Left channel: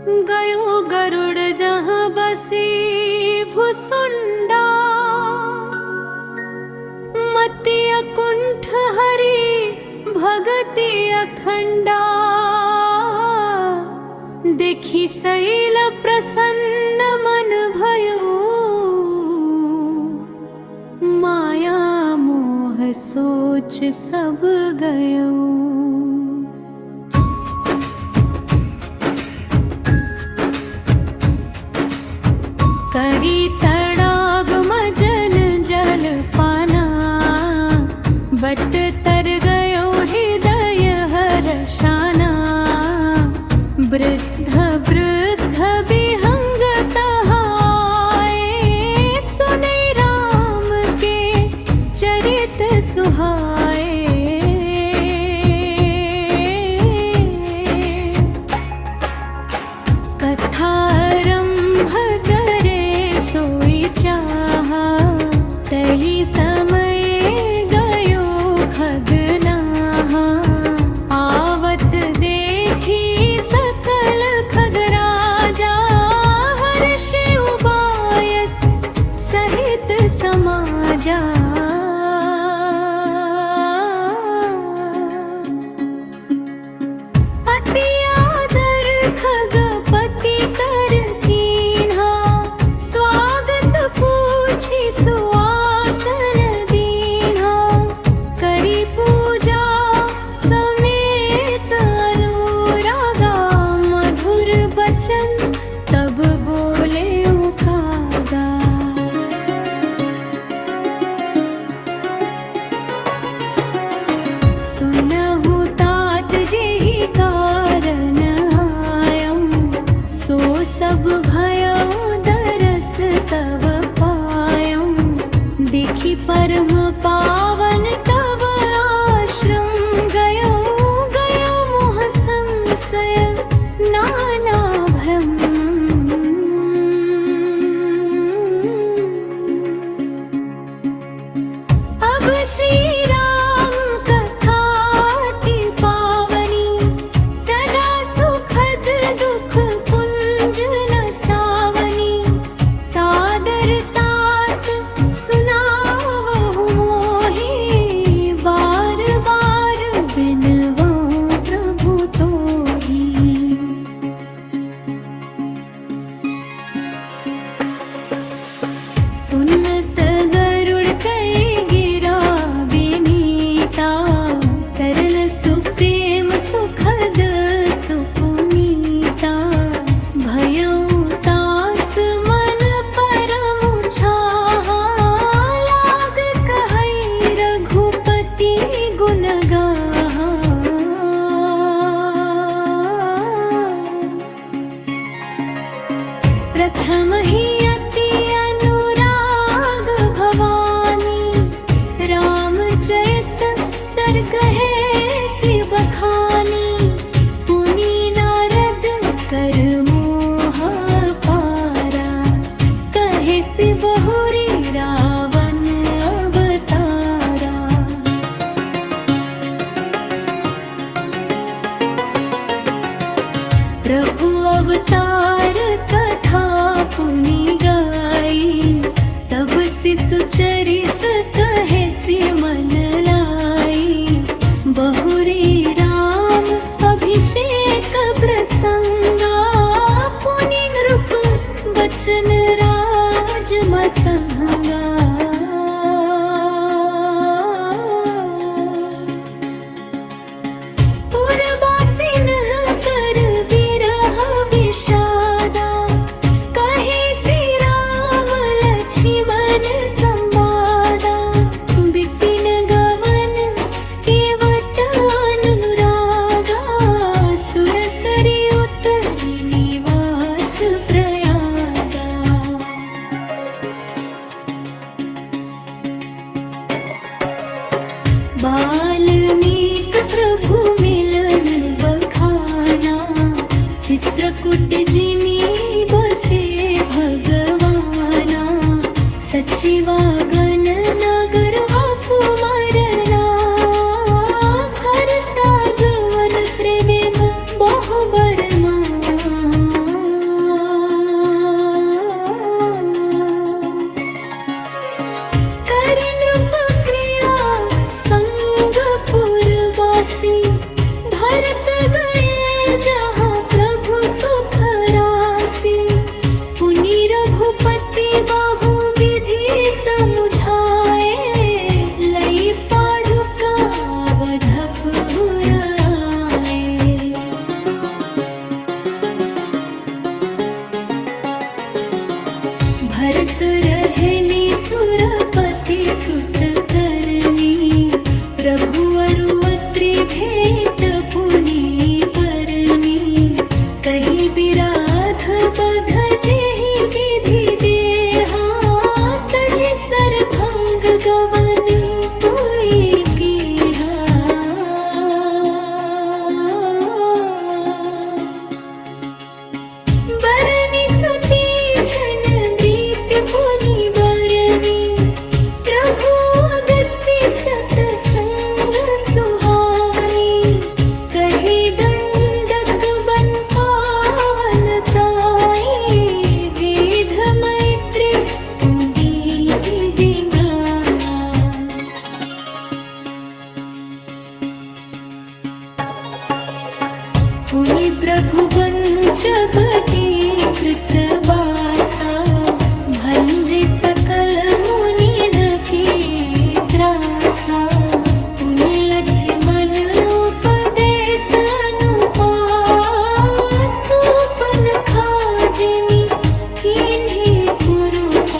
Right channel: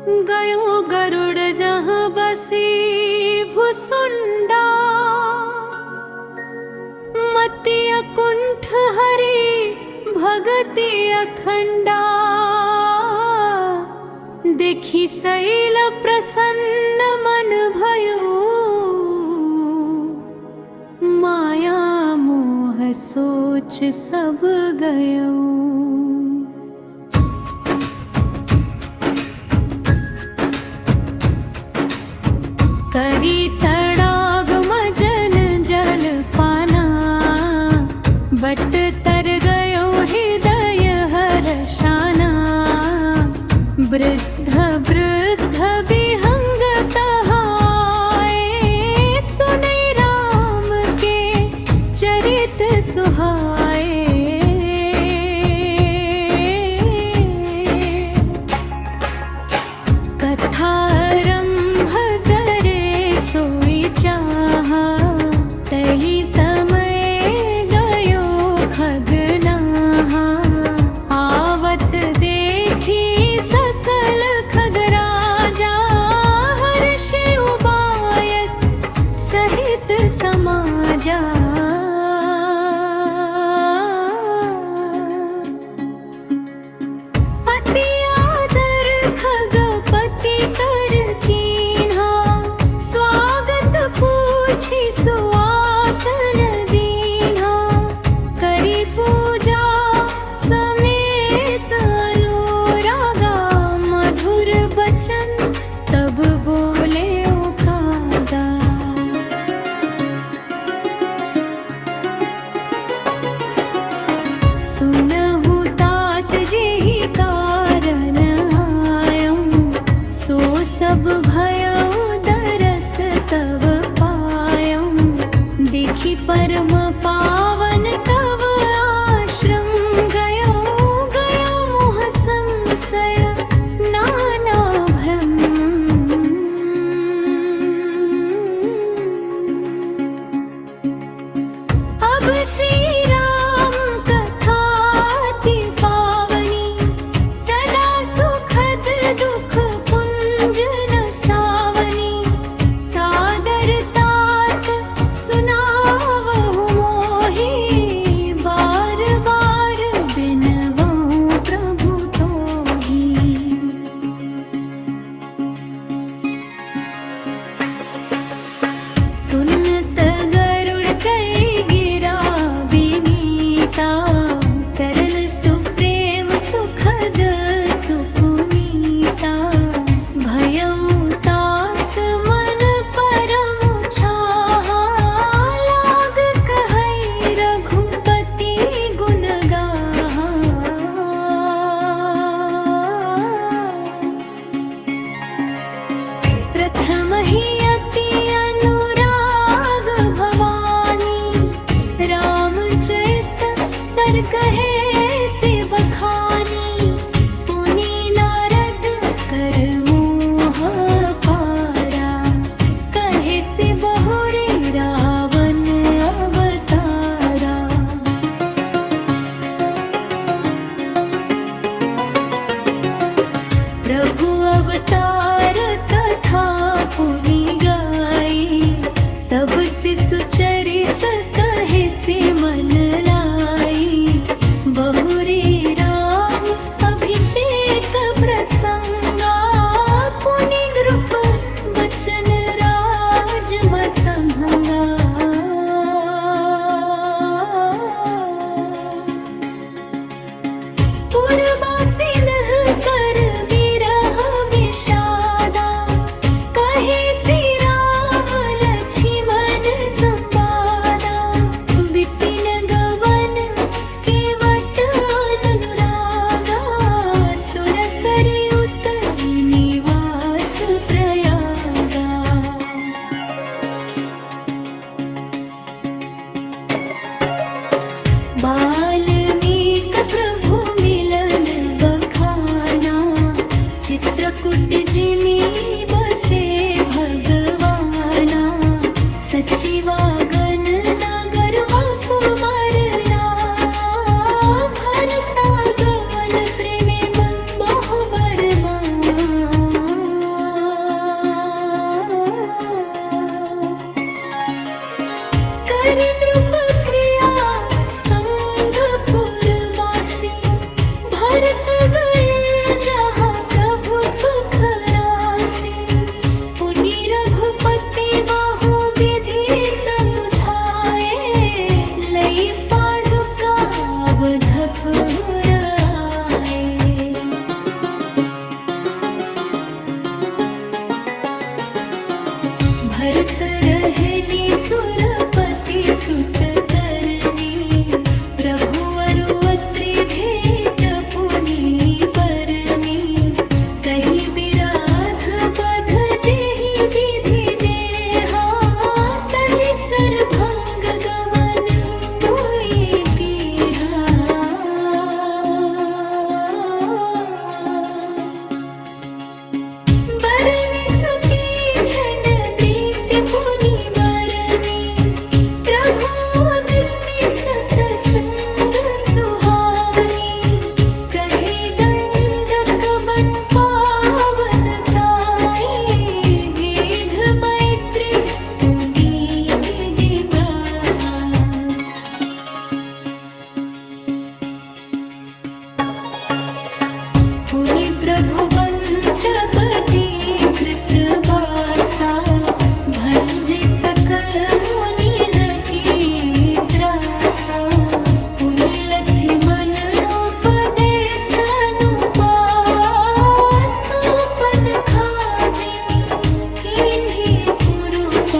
गयो गरुड़ जहाँ बसी भुसुंडा, मति अकुंठ हरि भगति अखंडा। देखी शैल प्रसन्न मन भयो, माया मोह सोच सब गयो। करी तड़ागम जन जल पाना, बट तर गयो हृदय हर्षाना। वृद्ध वृद्ध विहंग तहाए, सुने राम के चरित सुहाए। कथारंभ करे सोई चाहा, तही समय गयो खगनाहा। आवत देखी सकल खगराजा, हर्षि उबायस सहित समाजा। अति आदर खगपति कर कीन्हा, स्वागत पूछी सुआसन दीन्हा। करी पूजा समेत अनुरागा, मधुर बचन तब बोले ओ कागा। सुनहु तात जेहि कारण आयम, सो सब भयो दरस तव पायम। देखी परम पावन तव आश्रम, गयो गयो मोह संशय नाना भ्रम। अब श्री राम कथा अति पावनी, सदा सुखद दुख पुंज न सावनी। सादर तात सुनावहु मोहि, बार बार बिनवऊँ प्रभु तोहि। सुनत गरुड़ कई गिरा विनीता, सरल सुप्रेम सुखद सुपुनीता। भयउ तास मन परम छाहा, लाग कहै रघुपति गुण गाहा। प्रथम ही अति अनुराग भवानी, रामचरित सर्ग है सि बखानी। पुनि नारद कर मोह पारा, कहे सि बहुरी रावण अवतारा। प्रभु अवतार कथा पुनि गाई, तब शिशु चरित कहे सि मन लाई। बहुरी राम अभिषेक प्रसंगा, पुनि नृप बचन राज मसंगा। पुरबासिन कर बिरह विषादा, कहे सि राम लक्ष्मण संवादा। विपिन गवन केवट अनुरागा, सुरसरी उतरि निवास प्रयागा। बाल्मीक प्रभु मिलन बखाना, चित्रकूट जिमि बसे भगवाना। सचिवागन नगर अपमरना, भरता गवन प्रेम बहु बरमा। गए जहाँ प्रभु सुख राशि। पुनि रघुपति बहु विधि समुझाए, लई पादुका अवधपुर आए। भरत रहनी सुरपति सुत करनी, प्रभु अरु अत्रि भेंट पुनि बरनी। कही बिराध बध जेहि विधि देहा, तजि सरभंग गवन कोई कीन्हा। बरनी सती छन प्रीति पुनि बरनी, प्रभु अगस्त्य सतसंग सुहावनी। कही दंडक बन पावन ताई, गिध मैत्री पुनीति दिनाय। पुनि प्रभु पंचवटी कृत बासा, भंजि सकल मुनि ढकी त्रासा। पुनि लक्ष्मण उपदेश अनुपास, सुपन खाजिमि किन्हि कुरुपास।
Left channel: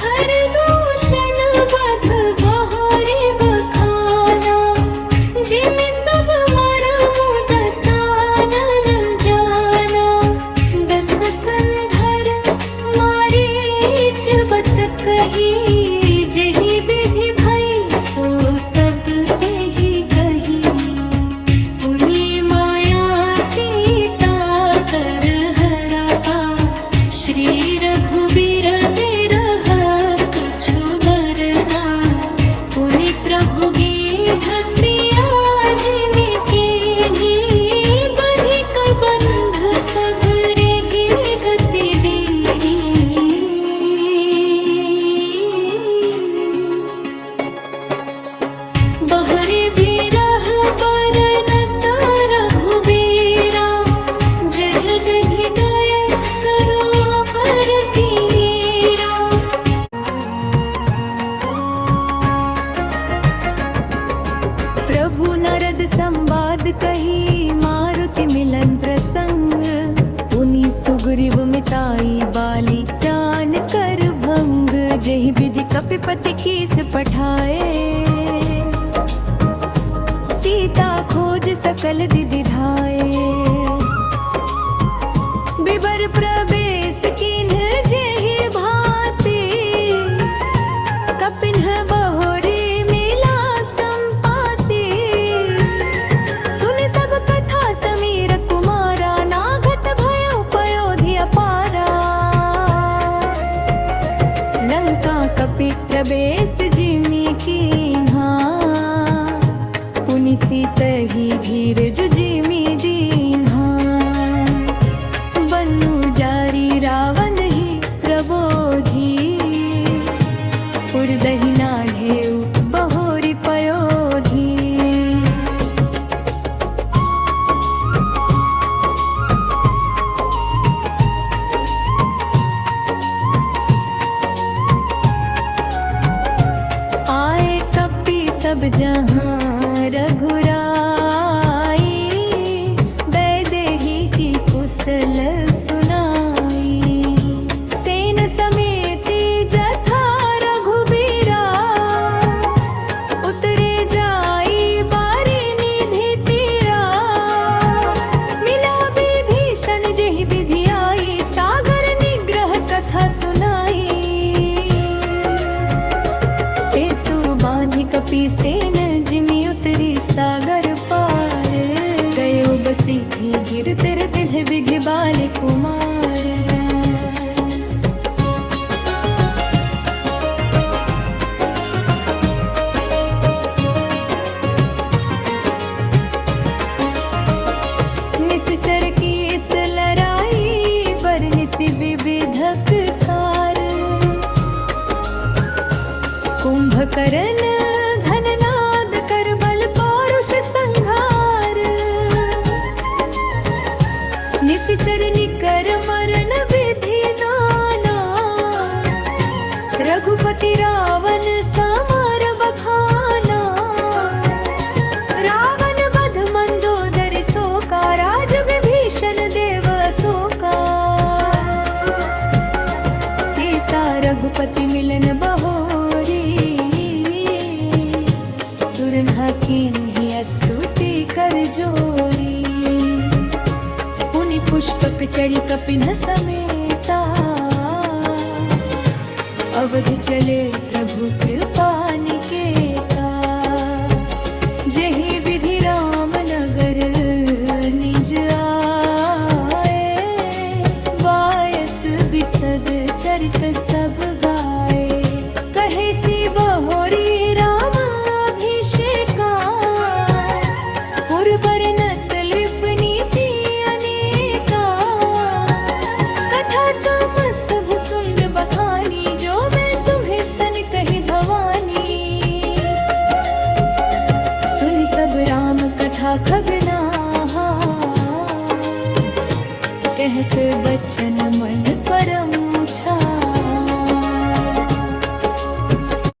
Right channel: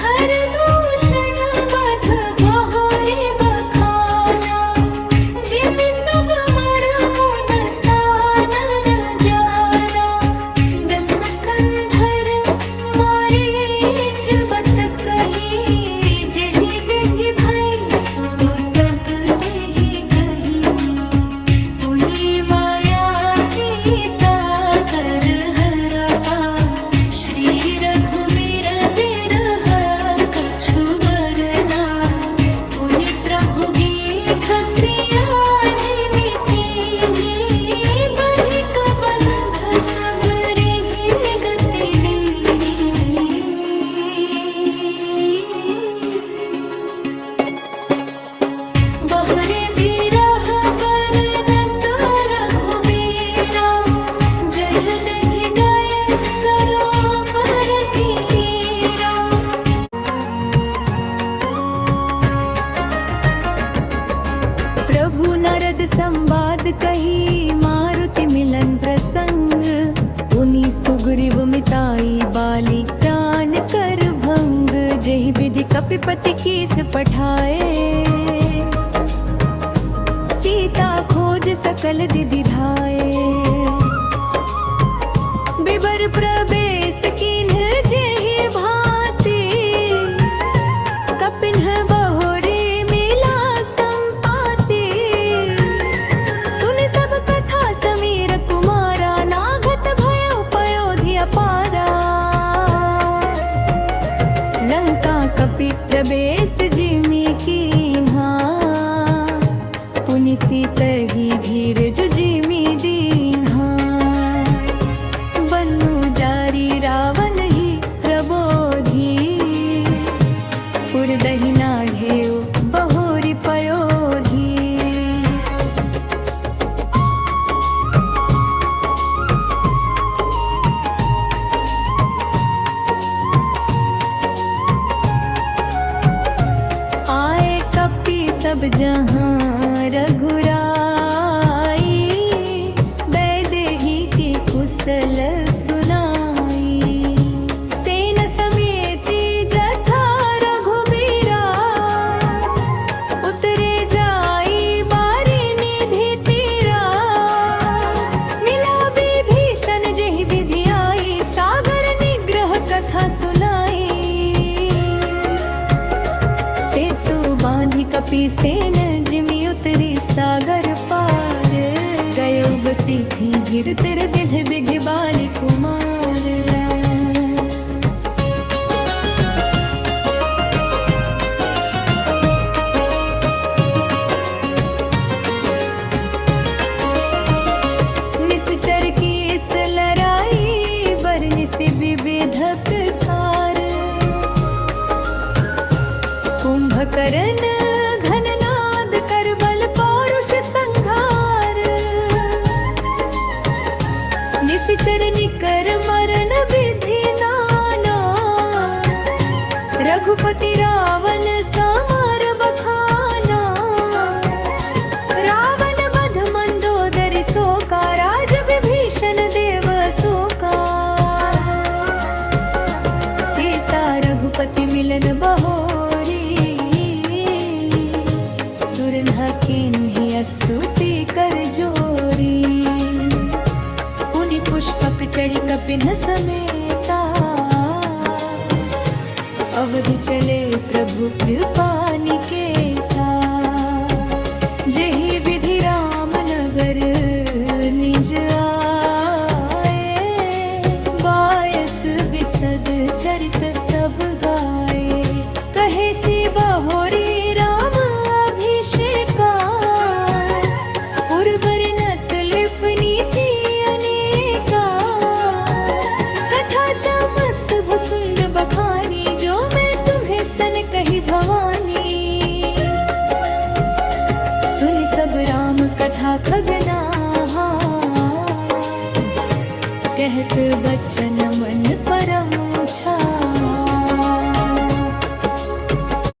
खरदूषण वध बहोरि बखाना, जिमि सब मरमु दसानन जाना। दस कंधर मारीच बत कही, जेहि विधि भई सो सब तेहि कही। पुनि माया सीता कर हरपा, श्री रघुबीर बिरह कछु बरना। पुनि प्रभु गीध क्रिया जिमि कीन्ही, बधिक बंध सब रिहि गति दीन्ही। बहरि बिरह बरनत रघुबीरा, जहि विधि गए सरोवर तीरा। प्रभु नारद संवाद कही, मारुति मिलन प्रसंग। पुनि सुग्रीव मिताई बाली, प्राण कर भंग। जेहि विधि कपिपति कीस पठाए, सीता खोज सकल दिदिधाए। बिबर प्रवेश किन्ह जेहि भांति, कपिन्ह बहोरी मिला संपाति। सुनि सब कथा समीर कुमारा, नागत भयो पयोधि अपारा। लंका कपि प्रवेश जिमि कीन्हा, पुनि सीतहि धीरज जिमि दीन्हा। बन्नु जारी रावण ही प्रबोधी, पुरदहि नाढ़ेउ बहोरि पयोधी। आए कपि सब जहाँ रघुराई, बैदेही की कुशल सुनाई। सेन समेति जथा रघुबीरा, उतरे जाई बारी निधि तीरा। मिला विभीषण जेहि विधि आई, सागर निग्रह कथा सुनाई। सेतु बांधि कपि सेन जिमि उतरी सागर पार। गयो बसीठी गिर तिर तिन्ह बिघ बालि कुमार राय। निश्चर की इस लड़ाई, बरनिसि विविध प्रकार। कुंभ कुंभकर्ण घननाद कर बल पौरुष संहार, निशिचर निकर मरण विधि नाना, रघुपति रावण समर बखाना, रावण बध मंदोदरी शोका, राज विभीषण देव शोका, सीता रघुपति मिलन बहोरी, सुरन्हा किन्हीं स्तुति कर जोरी, पुनि पुष्पक चढ़ी कपिन समेता, अवध चले प्रभु कृपा निकेता, जेहि विधि राम नगर निज आए, बायस बिसद चरित सब गाए, कहे सी बहोरी राम अभिषेका, पुरबर नत नृप नीति अनेका, कथा समस्त भुसुंड बखानी, जो मैं तुम्हें सन कही भवानी, सुन सब राम कथा खगनाहा, कहत बचन मन परम छा।